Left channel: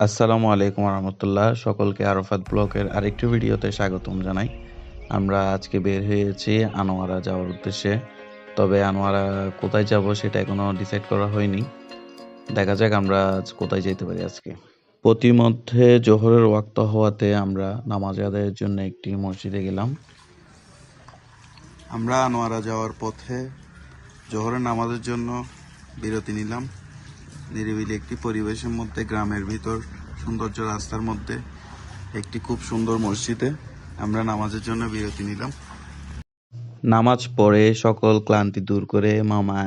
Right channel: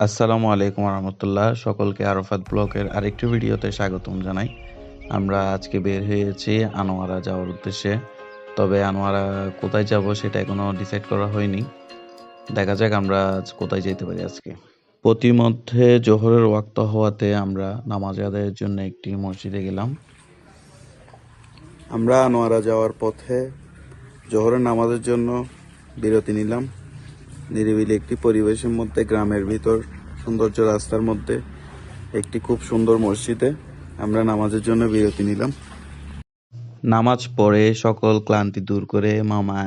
আসসালামু আলাইকুম রহমতুল্লাহ, সকলকে আরাফাত ব্লগের আরেকটি ভিডিওতে স্বাগতম জানাই। আমরা আজকে বের হয়েছি আনোয়ারা যাওয়ার উদ্দেশ্যে। তবে আনোয়ারা কোথায় যাব সেটা এখনো ডিসাইড করা হয়নি। দেখা যাক আমরা আজ কোথায় যেতে পারি আজকে। প্রতিমধ্যে জোহরের ওয়াক্ত হওয়াতে আমরা নামাজ আদায়ের জন্য একটি মসজিদে গেলাম। আমরা আনোয়ারা যাওয়ার পথে জোহরের নামাজের জন্য বিরতি নিলাম। নিরিবিলি একটি পরিবেশের মধ্যে, গ্রামের ভিতর সৌন্দর্য রাস্তার মধ্যে একটি খুব সুন্দর মসজিদে আমরা নামাজের জন্য বিরতি নিলাম। নামাজ পড়ে সকল ক্লান্তি দূর করে মামা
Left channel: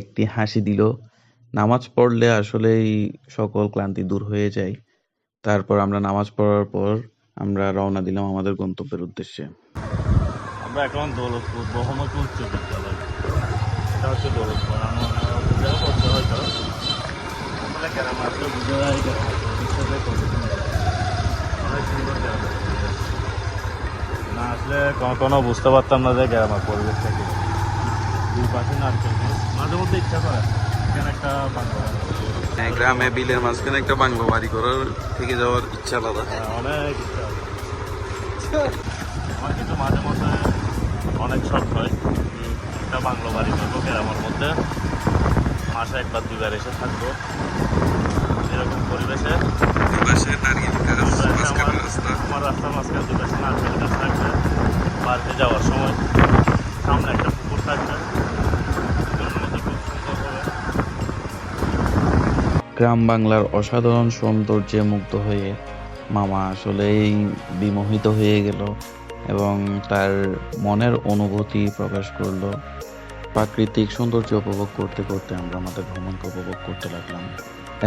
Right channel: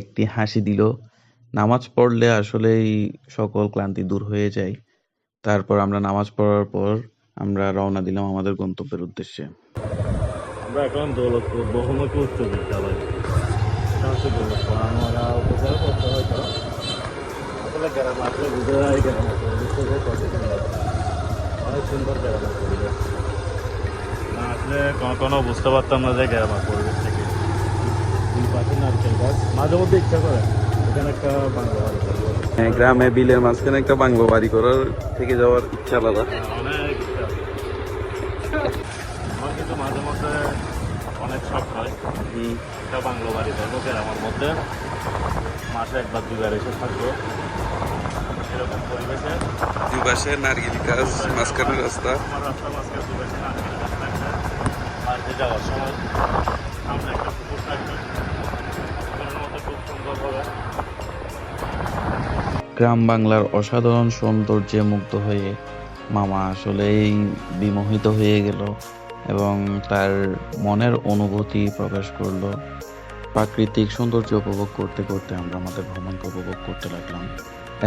একটি হাসি দিল। নামাজ পড়লে আসলেই সকল ক্লান্তি দূর হয়ে যায়। তারপর আমরা নামাজ পড়ার পর আমরা রওনা দিলাম আমাদের গন্তব্যের উদ্দেশ্যে। আমরা এখন দৌলতপুর বহুমুখী উচ্চ বিদ্যালয়, এটা হচ্ছে দৌলতপুর আনোয়ারা উপজেলা করতে হয়তো বলে গ্রাম আসলে বুঝে যায় গ্রামের পরিবেশ কত সুন্দর, অনেক সুন্দর গ্রামের পরিবেশ। না আসলে কোনো বুঝতে পারতাম না যে গ্রামের পরিবেশ থেকে দুই পাশে নারকেল গাছ, মাঝে মধ্যে ইচ্ছা করে এখানে একটা বাংলা বাড়ি করি। গ্রামে বিলের মাঝখানে একটা বাংলো বাড়ি করার থেকে যাওয়ার ইচ্ছা আলাদা। অনেক ইচ্ছা, আমার কিন্তু মাঝে মধ্যে অনেক শখ হয় একটা বাংলো বাড়ি করবো গ্রামের মধ্যে, মাসে একবার দুবার এসে থাকবো এরকম পরিবেশে। দুই পাশে নারকেল গাছ, মাঝখানে রাস্তা। আমার রাস্তার মাঝখানে দুই পাশে নারকেল গাছ থাকবে, পার্কে যাওয়ার সময় সামনে একটা পুকুর থাকবে, পুকুরের মধ্যে খুব সুন্দর করে। গ্রাম বাংলার অসাধারণ সৌন্দর্যে মুগ্ধ হয়ে মামা আসলেই বিমোহিত হয়ে গেল এবং তার মনের অনুভূতি প্রকাশ করলো। প্রাকৃতিক সৌন্দর্য উপভোগ করতে করতে আমরা আমাদের ভ্রমণকে উপভোগ করতে লাগলাম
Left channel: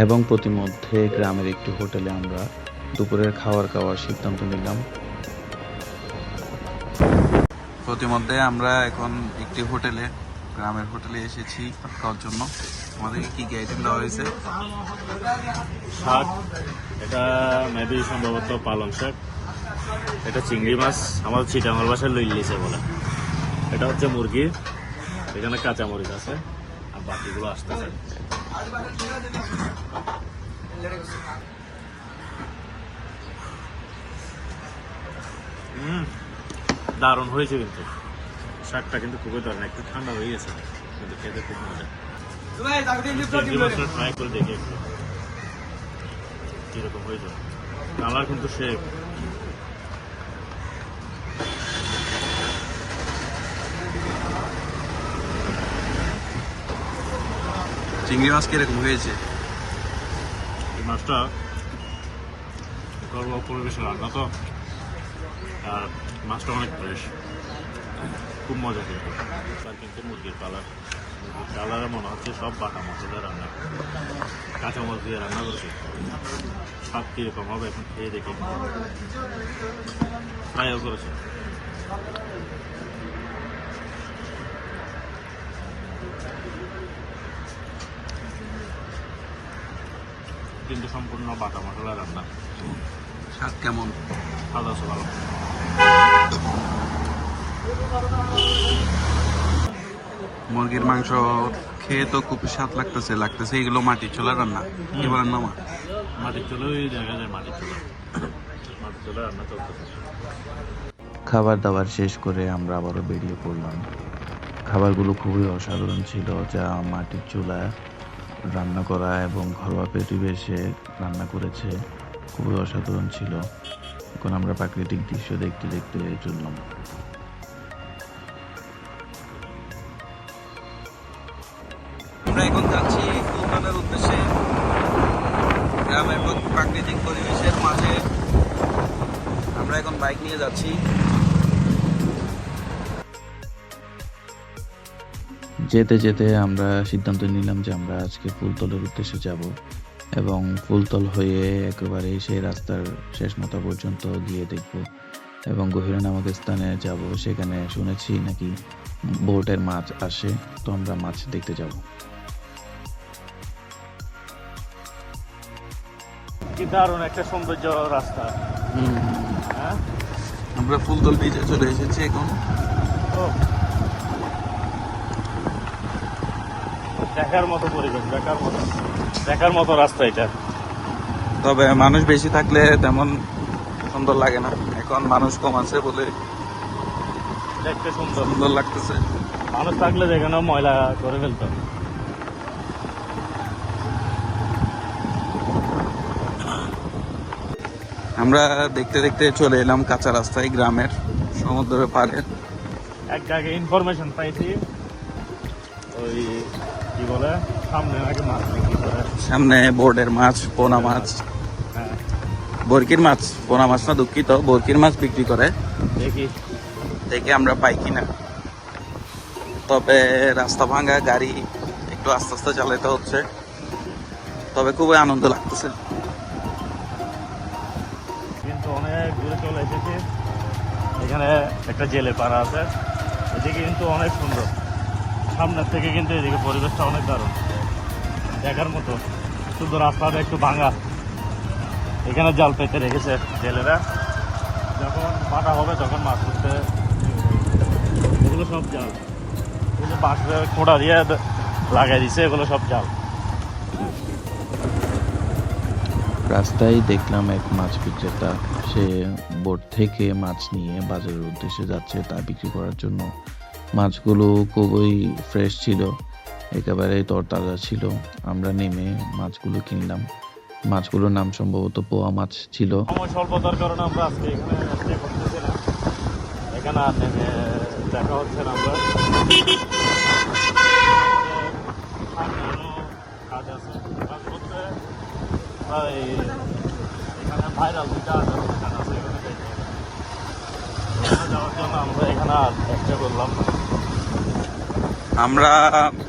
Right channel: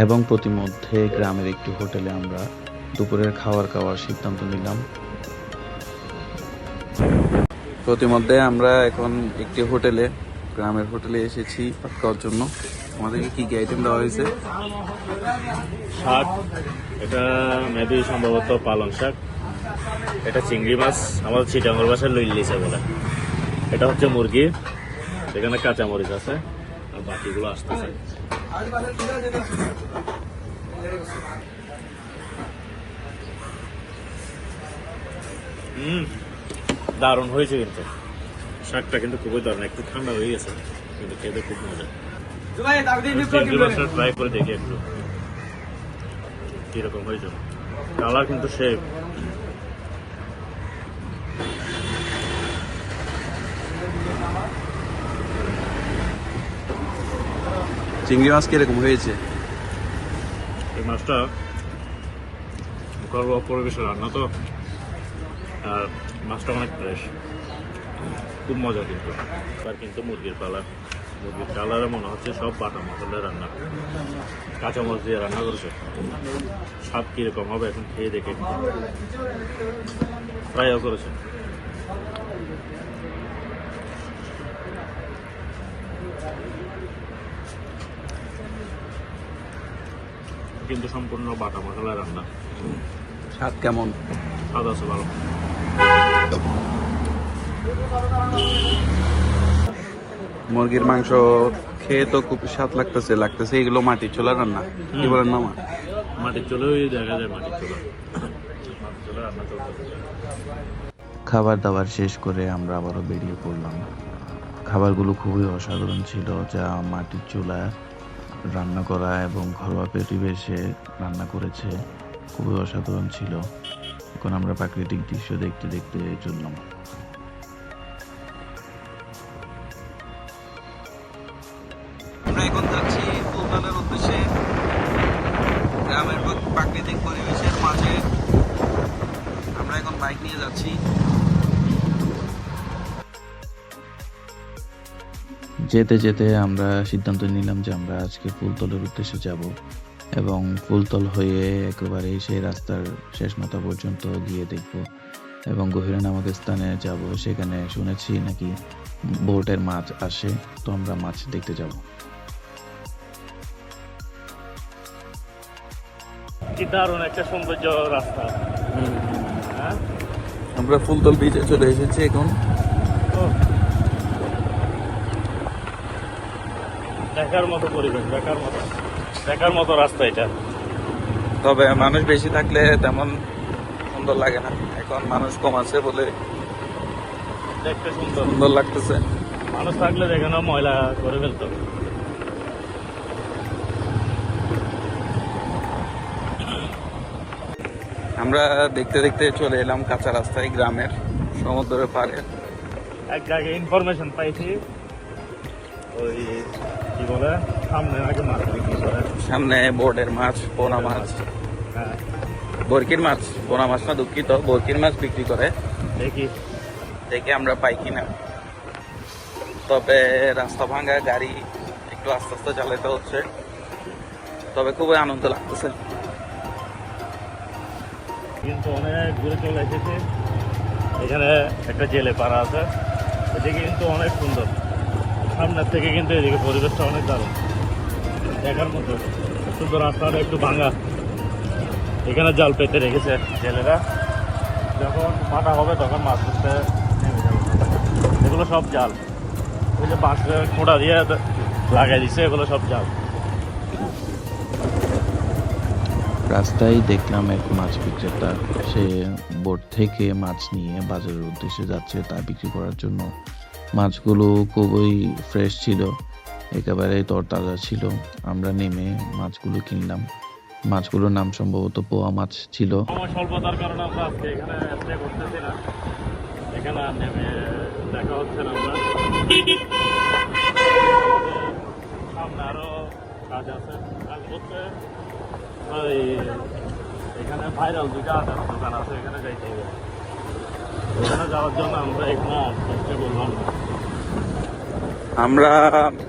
এবং প্রতিমধ্যে গ্রামের একটি হোটেলে আমরা দুপুরের খাওয়ার সিদ্ধান্ত নিলাম। প্রতিমধ্যে আমরা এখন একটি গ্রামের হোটেলে এসেছি ভাত খাওয়ার জন্য। আমাদেরকে কি কি আইটেম দেওয়া হয়েছে? শাক, এটা মেবি সম্ভবত পালং শাক, এটা চিংড়ি মাছ, আমাদের চিটাঙ্গল ভাষায় লইলিছে বলে, এটা হচ্ছে মুরগি, এখানে কাঁচামরিচ আছে আর বাকিগুলো আসতেছে। দারুণ হয়েছে, কিন্তু শাকটা কিন্তু খুবই দারুণ, একটু ঠান্ডা হয়ে গেছে কিন্তু খেতে খুব মজা। চিংড়ি মাছটা ট্রাই করে দেখি একটু কিরকম হয়েছে। কালার কিন্তু সে চিংড়ি মাছ কিরকম হয়েছে? এই মাছটা ঘরোয়া পরিবেশে রান্না তো, আর মাছটা অনেক ফ্রেশ, খুব মজা। কিন্তু মুরগির কালারে মনে হচ্ছে সব বাটা মশলা রান্না, কাঁচামরিচ দিয়ে রান্না করেছে। স্বাদ কিরকম হবে এখন খেয়ে দেখে, ফ্রাইও করেছে। কিন্তু সম্পূর্ণ বাটা মশলা রান্না। স্বাদ কেমন? স্বাদ আছে ভালো। মুরগির মাংস খেয়ে তো খুব স্বাদ লাগতেছে। এগুলো মাটির চুলা রান্না, কি বলেন মামা? মাটির চুলোই দেখা যায়, মাটির চুলো। খাবার দাবার শেষ করে আমরা আবারও বেরিয়ে পড়লাম। খাবারগুলো খুবই অসাধারণ ছিল, যা মাটির চুলায় রান্না করা এবং ঘরোয়া পরিবেশে রান্না করেছে, খুবই অসাধারণ ছিল। এখন আমরা প্রাকৃতিক দৃশ্য দেখতে দেখতে চললাম। আমরা এখন যাচ্ছি ফুলতলের উদ্দেশ্যে। গ্রামের প্রাকৃতিক পরিবেশের মাঝে আমরা এখন বাইক নিয়ে যাচ্ছি। যেতে যেতে আমরা সিদ্ধান্ত নিলাম যে আমরা আজকে ফুলতলের উদ্দেশ্যে যাব এবং ফুলতল হয়ে একেবারে সেই রাস্তার শেষ মাথা পর্যন্ত গিয়ে দেখব এবং গভীরা নামক স্থানে যাব। সেখানে শুনেছি নাকি বোটের মাছ আসে, তো আমরা মাছ দেখতে যাব। কি দারুণ একটা সৌন্দর্য রাস্তা। আমরা ফুলতল বিচে চলে এসেছি এখন। দেখার মতো পরিবেশ, দেখার মতো রাস্তা এটা। তবে মানুষ বেশি থাকলে তেমন সুন্দর লাগে না, এখন মানুষ কম আছে বলে দেখতে সুন্দর। সুন্দর লাগতেছে। মানুষ থাকলে যেখানে ময়লা করে ফেলতে হবে। আমরা দেখতে দেখতে চলে এলাম কাঁচা রাস্তায় গ্রামের সমুদ্রের পাড়ে। এক জায়গায় ইনফরমেশন পাইছি, ওই কি বলে সামনে নাকি মাছ বিক্রি করে। সামনে বোর্ডের মাছ, পোনা মাছ, হ্যাঁ, বরকির মাছ, পোনা মাছ না দুঃখিত, বরকির মাছ বিক্রি করে। দেখি দেখে আমরা পাই কিনা। তবে রাস্তা ভাঙা, গাড়ি একটু আস্তে আস্তে চালাতে হচ্ছে, তবে খুবই আনন্দ লাগতেছে। কিন্তু অনেক দূরে চলে এসেছি। এখানে একটা জেলে পাড়া আছে, ওদিকে কিন্তু অনেক সুন্দর। সামনের থেকে কিন্তু এদিকে পরিবেশটা অনেক দারুণ, দেখার মতো। শুধু রাস্তাটা একটু ভাঙা, এখানে জাল পেতে রেখেছে জেলেরা, যখন বাঁধা হবে তখন মাছ ধরতে নেমে যাবে। এগুলো সব জাল, ওই যে বাঁশে খোঁড়া দিয়ে লাগাই দিছে, এগুলো সব জাল। রাস্তায় দেখলাম এক মাছ বিক্রেতা, সে বোট থেকে মাছ নিয়ে বাজারের উদ্দেশ্যে যাচ্ছে তা বিক্রি করার জন্য। মাছগুলো খুবই ফ্রেশ ছিল, একেবারে তরতাজা ছিল। আমরা নেমে মাছগুলো কিনলাম। মাছগুলোর নাম সম্ভবত পোয়া মাছ ছিল। সময় স্বল্পতার কারণে আমরা আজকে এখানে স্টে করতেছি না, এখানে আর নেমে দেখা হচ্ছে না। আমরা সামনে আরো কাজ আছে, কাজ করতে আর এখানে ভাইরাল দুইটা আচার দোকান আছে, এখানে যাইতে হবে। এখানে যাওয়ার জন্য আমরা এখানে আর চেষ্টা করলাম না। আমরা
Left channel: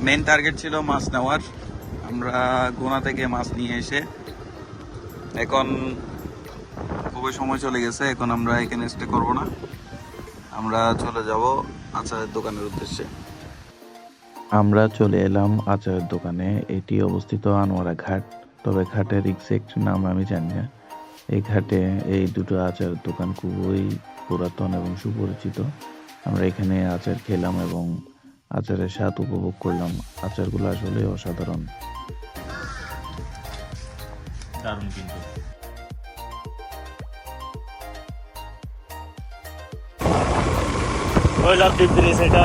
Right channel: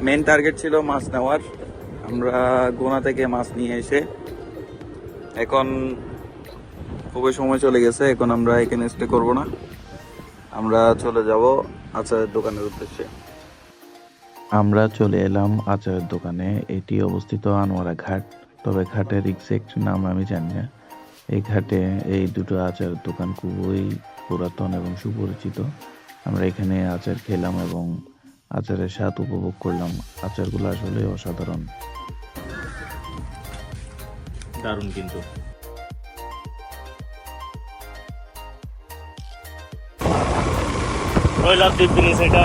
মেন টার্গেট ছিল মাছ নেওয়ার। আমরা গোনা থেকে মাছ নিয়ে এসে এখন খুবই সময় চলে গেছে, এখন আমরা এখানে স্টে করব না, আমরা চলে যাব আচারের দোকানের উদ্দেশ্যে। আমরা চলে এলাম আচারের দোকানে। এটি অবস্থিত আনোয়ারা ঘাট, তবে ঘাটের এক্সাক্ট নাম আমি জানি না। এই ঘাটে এই দুটো আচারের দোকান খুবই পুরাতন এবং সুপরিচিত। আমরা এখানে আচার খেলাম এবং আচারের স্বাদ উপভোগ করলাম। আচারগুলো আসলে অসাধারণ। দারুণ কিন্তু। কৈলাসদ্বীপ ব্রিজ, এটা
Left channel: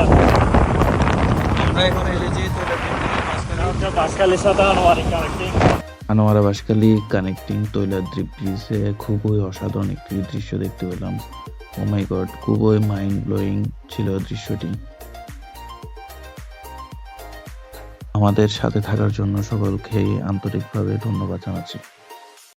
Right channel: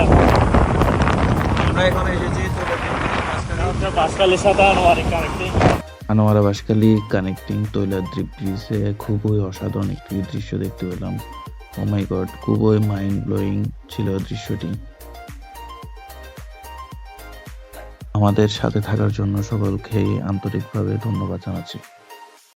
আমরা এখন এসেছি বাঁশখালীর সাথে আনোয়ারি কানেক্টিং। আনোয়ারা বাঁশখালী কানেক্টিং তৈলাদ্রীপ ব্রিজে খুবই অসাধারণ একটি দৃশ্য দেখতে পেলাম। ও মাই গড, খুবই মাইন্ড ব্লোয়িং ছিল দৃশ্যটি। আমাদের সাথে থাকার জন্য সকলকে আন্তরিকভাবে ধন্যবাদ জানাচ্ছি।